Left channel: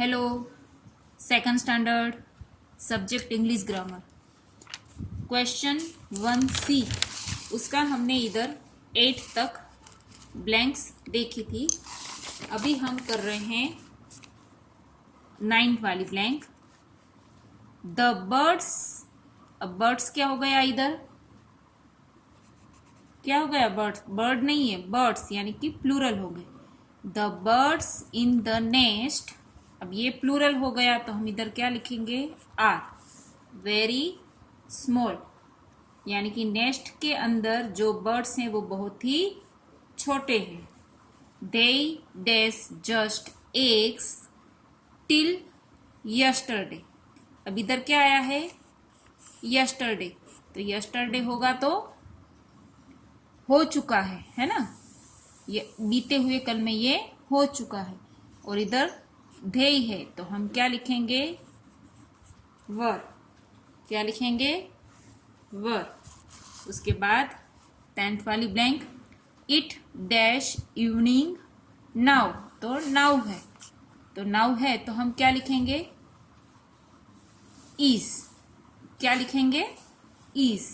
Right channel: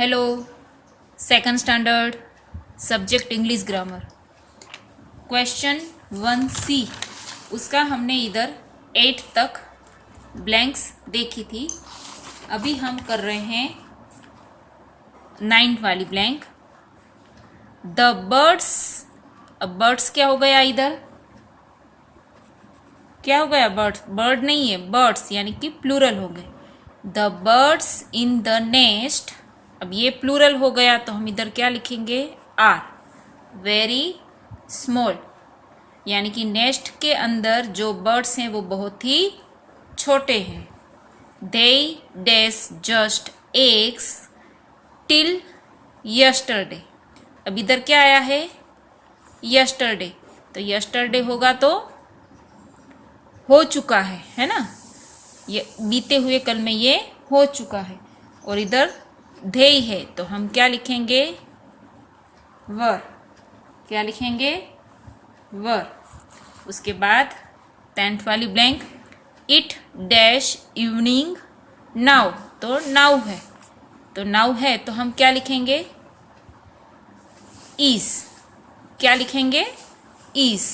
Hello, second standard subject English grammar question 1C। उसका हमने इधर 8 तक ब्लैंक्स देखी थी। अभी हम कर रहे हैं 9th वाली ब्लैंक। The birds. अब बर्ड्स क्या हो गया इधर? क्या हो गया? बर्ड्स। बर्ड नहीं है, बर्ड्स यानी कि प्लूरल हो गए। The birds in the nest. अब ये प्लूरल हो गया तो हम इधर क्या लिखेंगे? आर वेरी स्मॉल, यानी कि नेस्ट के अंदर जो बर्ड्स हैं वो बहुत ही छोटे हैं। They dash just eggs till yesterday. अब इधर क्या आया है? यस्टरडे। तो यस्टरडे होगा तो हो चुका है ना? ये बीते हुए कल में ये हो चुका है। और इधर धेय है तो हम क्या लिखेंगे? वर। क्या लिखेंगे? वर। उसके बाद 10th वाली blank. It dash evening now. तो नाउ है, तो नाउ है तो हम क्या लिखेंगे? इज। क्या लिखेंगे? Is.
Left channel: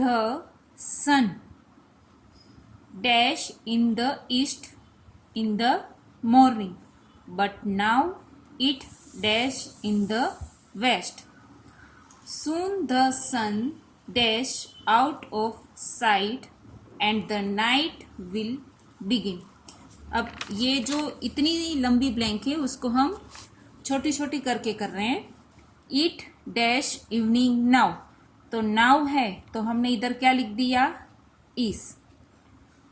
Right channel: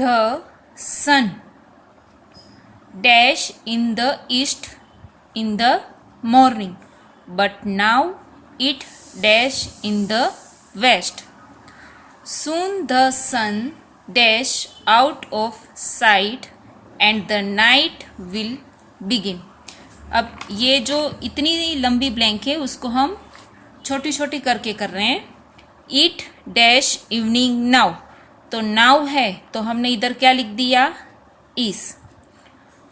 The sun dash in the east in the morning, but now it dash in the west. Soon the sun dash out of sight and the night will begin. अब ये जो इतनी लंबी ब्लैंक है उसको हम छोटी छोटी करके कर रहे हैं। इट डैश इवनिंग नाउ, तो नाउ है तो हमने इधर क्या लिख दिया? इज।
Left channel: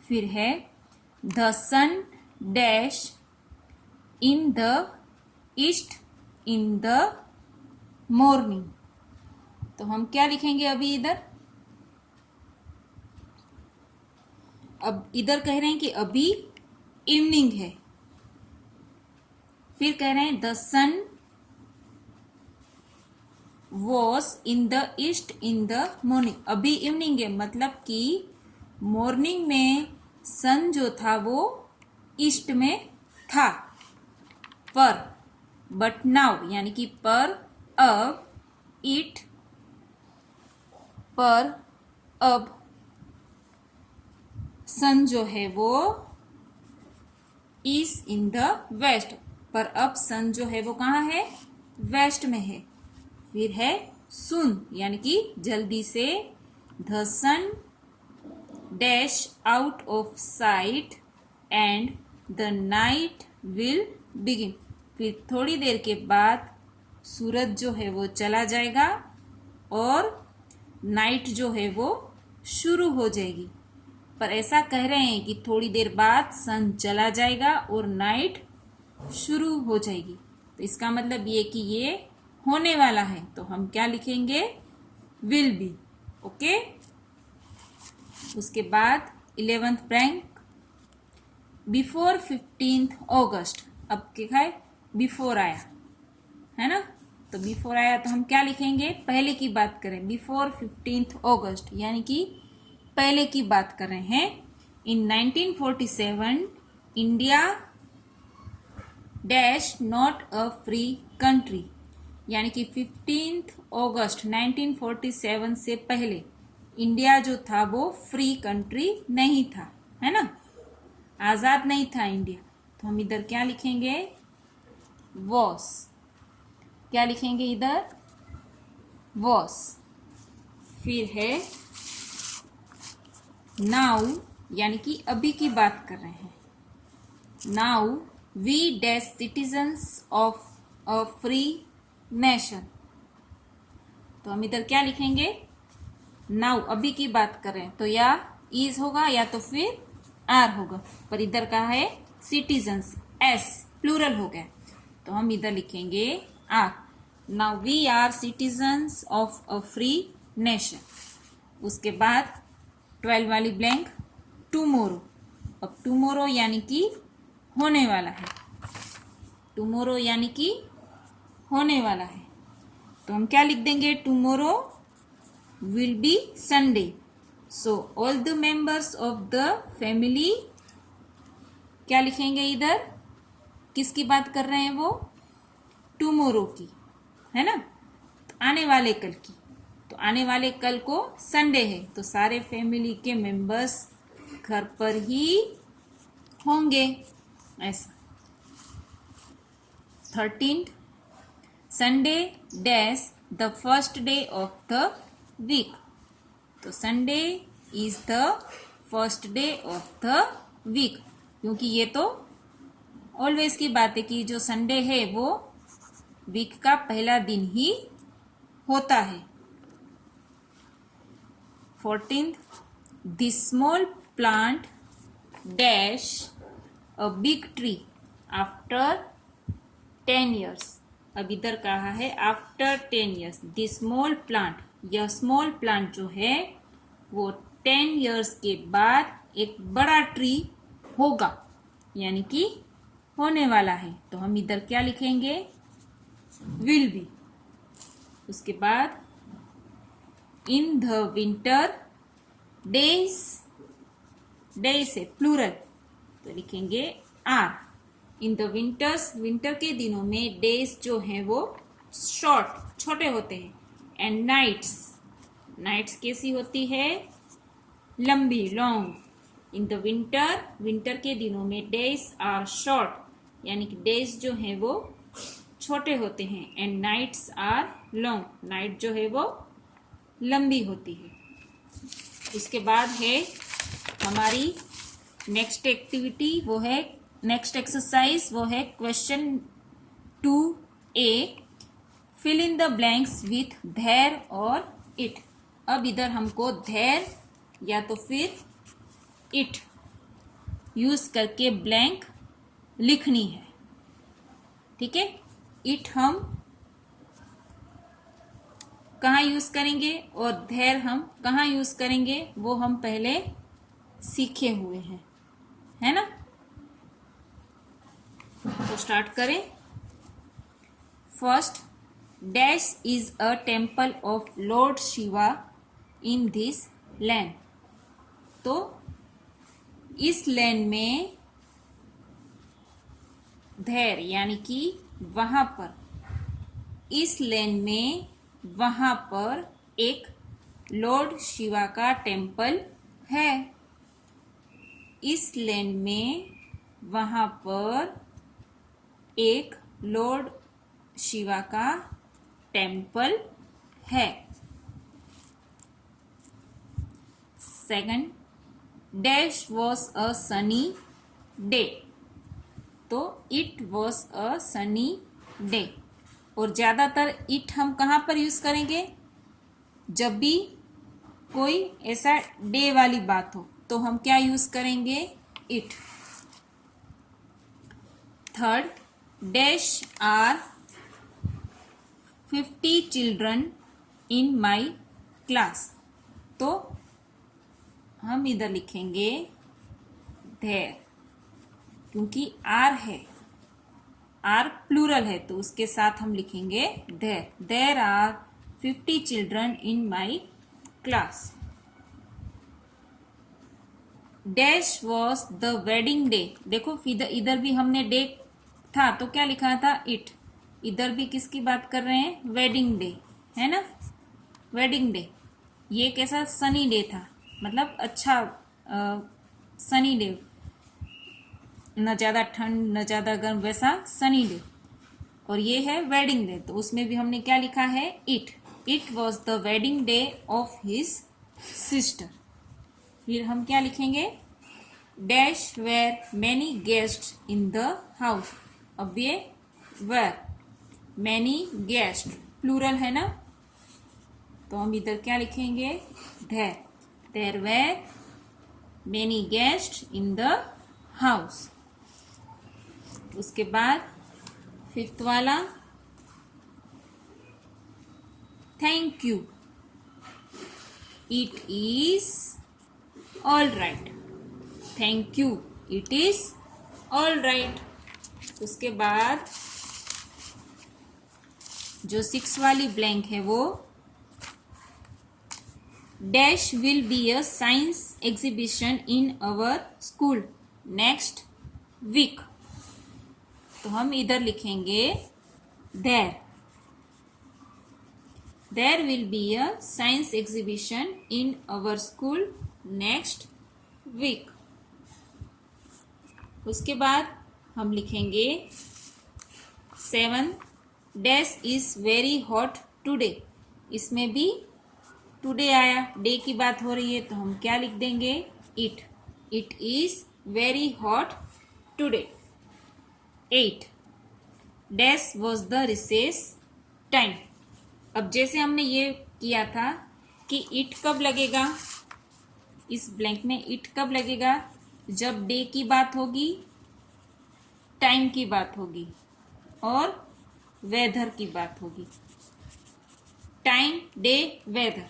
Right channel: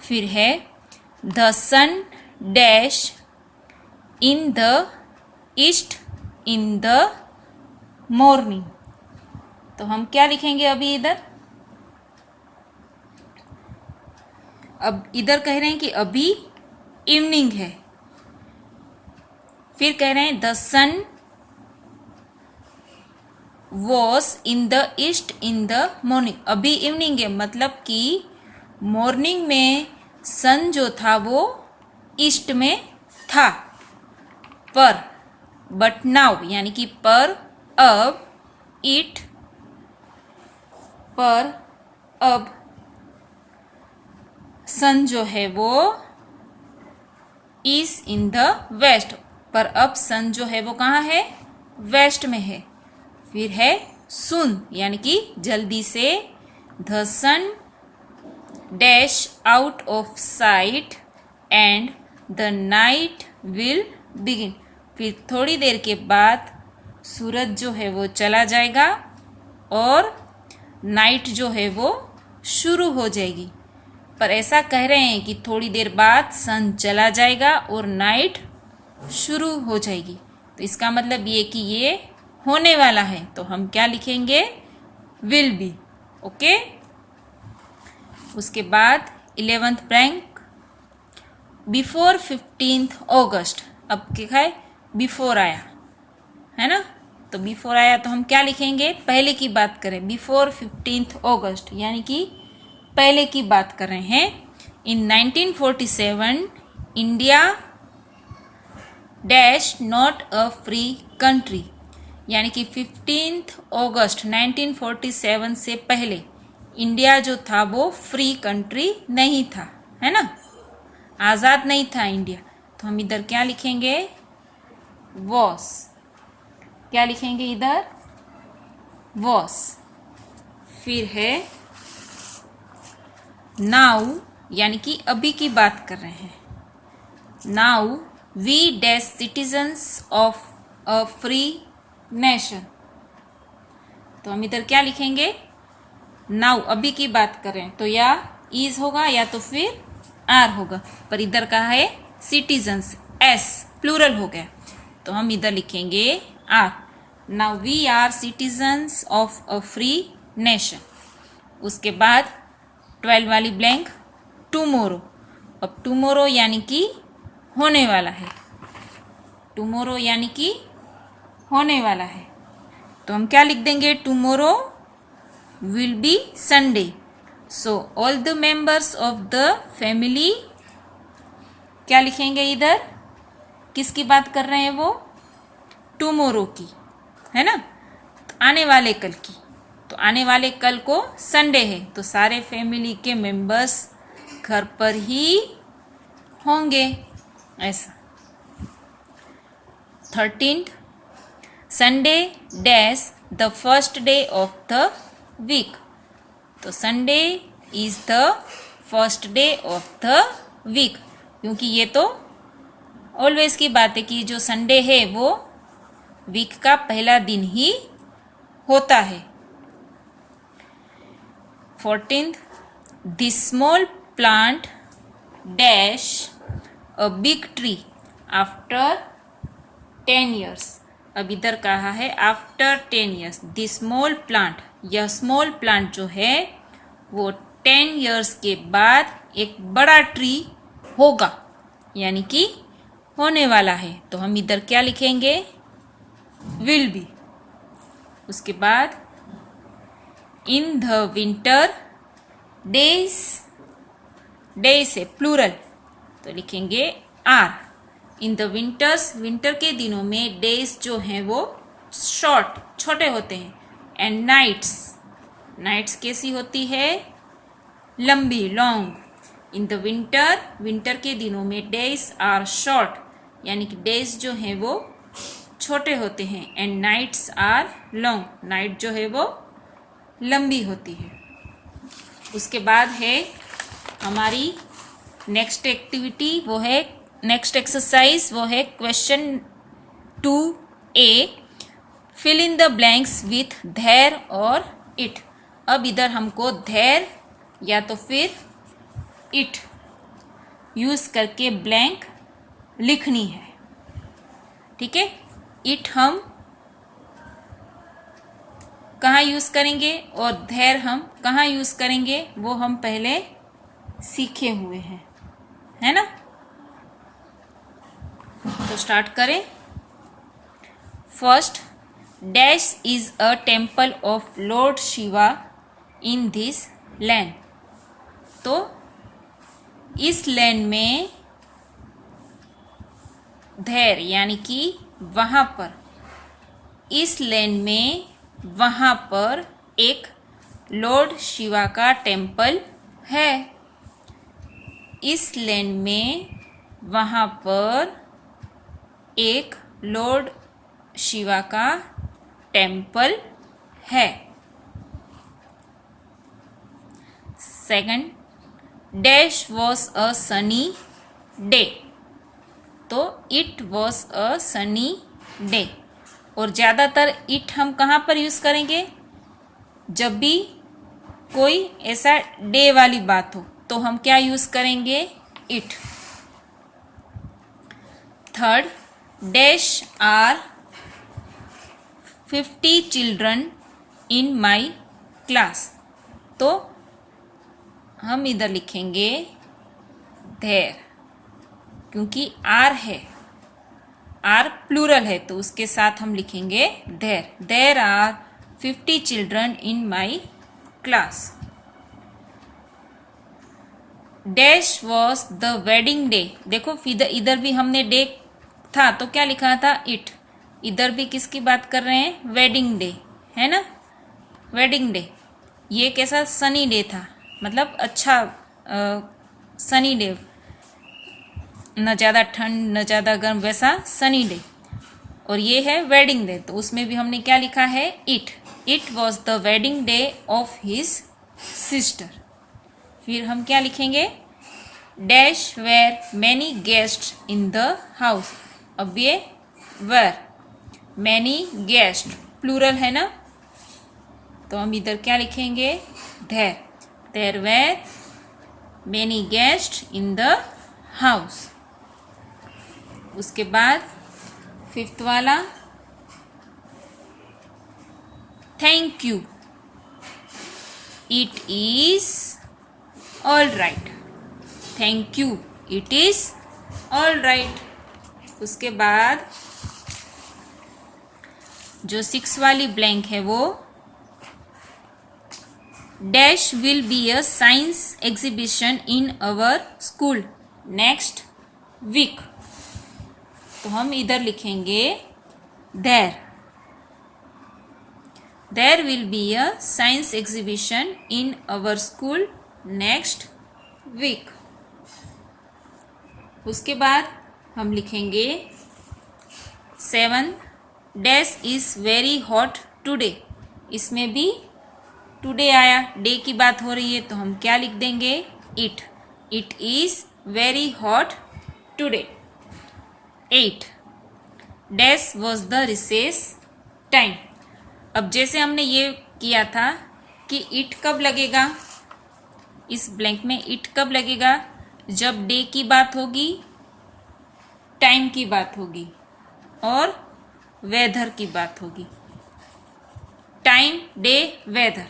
फिर है the sun dash in the east in the morning, तो हम क्या लिखेंगे अभी इधर? अब इधर कह रहे हैं कि अभी इवनिंग है। फिर कह रहे हैं the sun was in the east in the morning. अभी इवनिंग है मतलब कि मॉर्निंग में सन जो था वो ईस्ट में था। पर बट नाउ यानी कि पर अब सन जो है वो इज इन द वेस्ट, पर अब सन जो है वो कहाँ है? वेस्ट में है। फिर है सुन यानी कि जल्दी से। The sun dash out of sight and the night will begin. फिर थोड़ी देर के बाद सूरज जो है वो चला जाएगा और नाइट जो है वो शुरू हो जाएगी। पर ऐसा कह रहे हैं कि थोड़ी देर बाद सन चला जाएगा और नाइट शुरू हो जाएगी, तो इसका मतलब ये कि ये होने वाला है, तो हम क्या लिखेंगे? Will B. ओके। उसके बाद 11th ब्लैंक। बिफोर 15th अगस्त। अब क्या है? बिफोर आया है ना, तो बिफोर आया तो हम क्या लिखेंगे? पहले की बात करें। बिफोर 15th अगस्त यानी कि पहले की बात कर रहे हैं। इन 1947 India dash not a free country, यानी कि 15th अगस्त 1947 से पहले इंडिया जो था वो फ्री कंट्री नहीं था, है ना? आज़ाद नहीं था इंडिया। तो हम इधर क्या लिखेंगे? वॉस। क्या लिखेंगे इधर? वॉस। फिर है नाउ, यानी कि अभी की बात कर रहे हैं। Now we dash citizens of a free nation, तो हम इधर क्या लिखेंगे? नाउ अभी की बात करें तो या इज होगा या तो फिर आर होगा, पर इधर कहा है सिटीजन्स, एस प्लूरल हो गया, तो हम इधर लिखेंगे are. Now we are citizens of a free nation. उसके बाद 12 वाली ब्लैंक। टुमोरो। अब टुमोरो यानी कि होने वाला है। टुमोरो यानी कि होने वाला है, तो हम क्या लिख देंगे? Tomorrow will be Sunday. So all the members of the family क्या लिखेंगे इधर? किसकी बात कर रहे हैं वो? टुमोरो की, है ना? तो आने वाले कल की। तो आने वाले कल को संडे है, तो सारे फैमिली के मेंबर्स घर पर ही होंगे, ऐसा। 13th, Sunday dash the first day of the week. तो Sunday is the first day of the week, क्योंकि ये तो ऑलवेज की बात है कि जो संडे है वो वीक का पहला दिन ही होता है। 14th, this small plant dash a big tree after 10 years। अब इधर कहा है after 10 years। This small plant, यह स्मॉल प्लांट जो है वो 10 years के बाद एक बड़ा ट्री होगा, यानी कि होने वाला है। तो हम इधर क्या लिखेंगे? Will be. उसके बाद in the winter days, days है प्लूरल, तो लिखेंगे are. In the winters, winter के दिनों में डेज जो हैं वो शॉर्ट, छोटे होते हैं। एंड नाइट्स, नाइट्स कैसी होती है? लंबी, long. In the winter, winter के दिनों में डेज आर शॉर्ट, यानी कि डेज जो हैं वो छोटे होते हैं। And nights are long, night जो है वो लंबी होती है। उसके बाद है हमारी नेक्स्ट एक्टिविटी, वो है नेक्स्ट एक्सरसाइज, वो है question 2A, fill in the blanks with there और इट। अब इधर हमको देयर या तो फिर इट यूज करके ब्लैंक लिखनी है, ठीक है? इट हम कहाँ यूज करेंगे और देयर हम कहाँ यूज करेंगे वो हम पहले सीखे हुए हैं, है ना? तो स्टार्ट करें। First, dash is a temple of Lord Shiva in this land. तो इस लैंड में देयर यानी कि वहां पर, इस लैंड में वहां पर एक लॉर्ड शिवा का टेम्पल है। इस लैंड में वहां पर एक लॉर्ड शिवा का टेम्पल है। Second, dash was a sunny day. तो it was a sunny day. और ज़्यादातर इट हम कहाँ पर यूज़ करेंगे? जब भी कोई ऐसा डे वाली बात हो तो हम क्या यूज़ करेंगे? It. Third, dash are 50 children in my class. तो हम इधर लिखेंगे देयर, क्योंकि आर है, आर प्लूरल है, तो उसके साथ हम लिखेंगे there. There are 50 children in my class. Dash was the wedding day. देखो इधर भी हमने डे था तो क्या लिखा था? इट। इधर भी किसकी बात कर रहे हैं? वेडिंग डे, है ना? Wedding day. ये कैसा? सनी डे था, मतलब अच्छा सनी डे, न ज़्यादा ठंड न ज़्यादा गर्म, वैसा सनी डे। और ये है वेडिंग डे, तो उसमें भी हमने क्या लिखा है? It. It was the wedding day of his sister. फिर हम क्या लिखेंगे? Dash where many guest in the house. अब ये वेर, मैनी गेस्ट प्लूरल है ना, तो हम इधर क्या लिखेंगे? There. There were many guest in the house. उसके बाद फिफ्थ वाला, thank you, it is all right. Thank you, it is all right. उसके बाद जो 6 वाली ब्लैंक है वो, dash will be a science exhibition in our school next week. तो हम इधर लिखेंगे there. There will be a science exhibition in our school next week. उसके बाद हम लिखेंगे 7 dash is very hot today. इसमें भी टुडे आया, डे की बात हो रही है, तो हम क्या लिख देंगे? It. It is very hot today. 8 dash was the recess time. अब जैसे हमने ये किया था कि इट कब लगेगा, इस ब्लैंक में इट कब लगेगा? जब डे की बात होगी, टाइम की बात होगी और वेदर की बात होगी। Time, day, weather.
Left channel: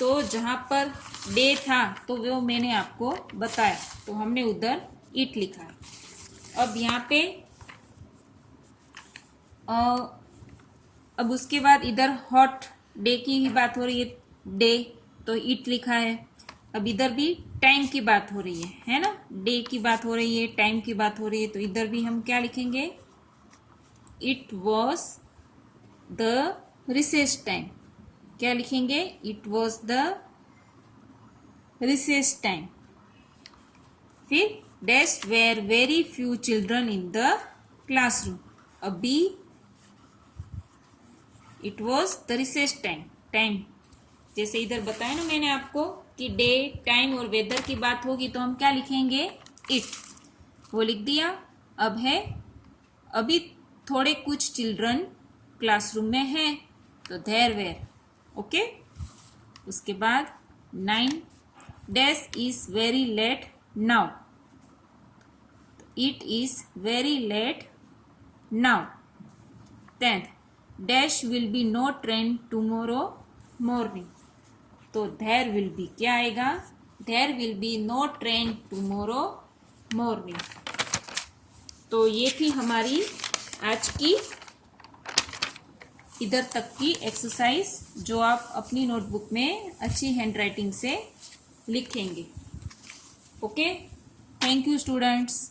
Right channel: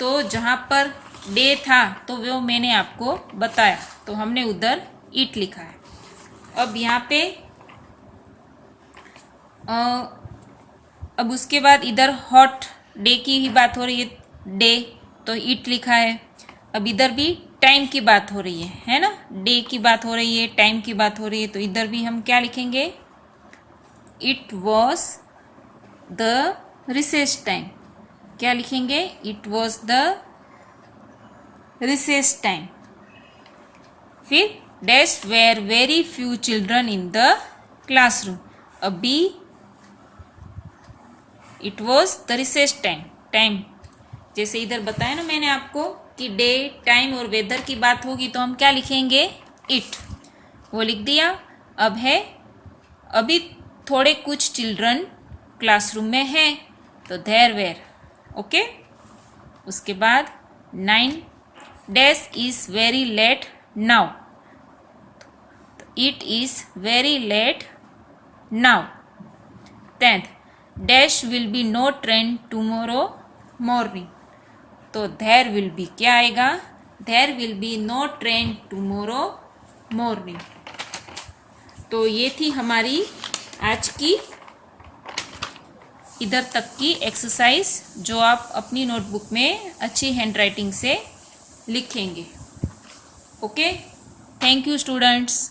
तो जहाँ पर डे था तो वो मैंने आपको बताया, तो हमने उधर इट लिखा है। अब यहाँ पे अब उसके बाद इधर हॉट डे की ही बात हो रही है, डे, तो इट लिखा है। अब इधर भी टाइम की बात हो रही है ना? डे की बात हो रही है, टाइम की बात हो रही है, तो इधर भी हम क्या लिखेंगे? It was the recess time. क्या लिखेंगे? It was the recess time. फिर dash were very few children in the classroom. अभी it was the recess time. Time जैसे इधर बताया ना मैंने आपको कि डे, टाइम और वेदर की बात होगी तो हम क्या लिखेंगे? इट। वो लिख दिया। अब है अभी थोड़े कुछ चिल्ड्रन क्लासरूम में हैं, तो देयर वेयर। ओके। उसके बाद 9 dash is very late now. It is very late now. 10 dash will be no train tomorrow morning. तो देयर विल बी क्या आएगा? There will be no train tomorrow morning. तो ये थी हमारी आज की इधर तक की एक्सरसाइज, जो आप अपनी नोटबुक में अच्छी हैंडराइटिंग से लिखेंगे। Okay, thank you students.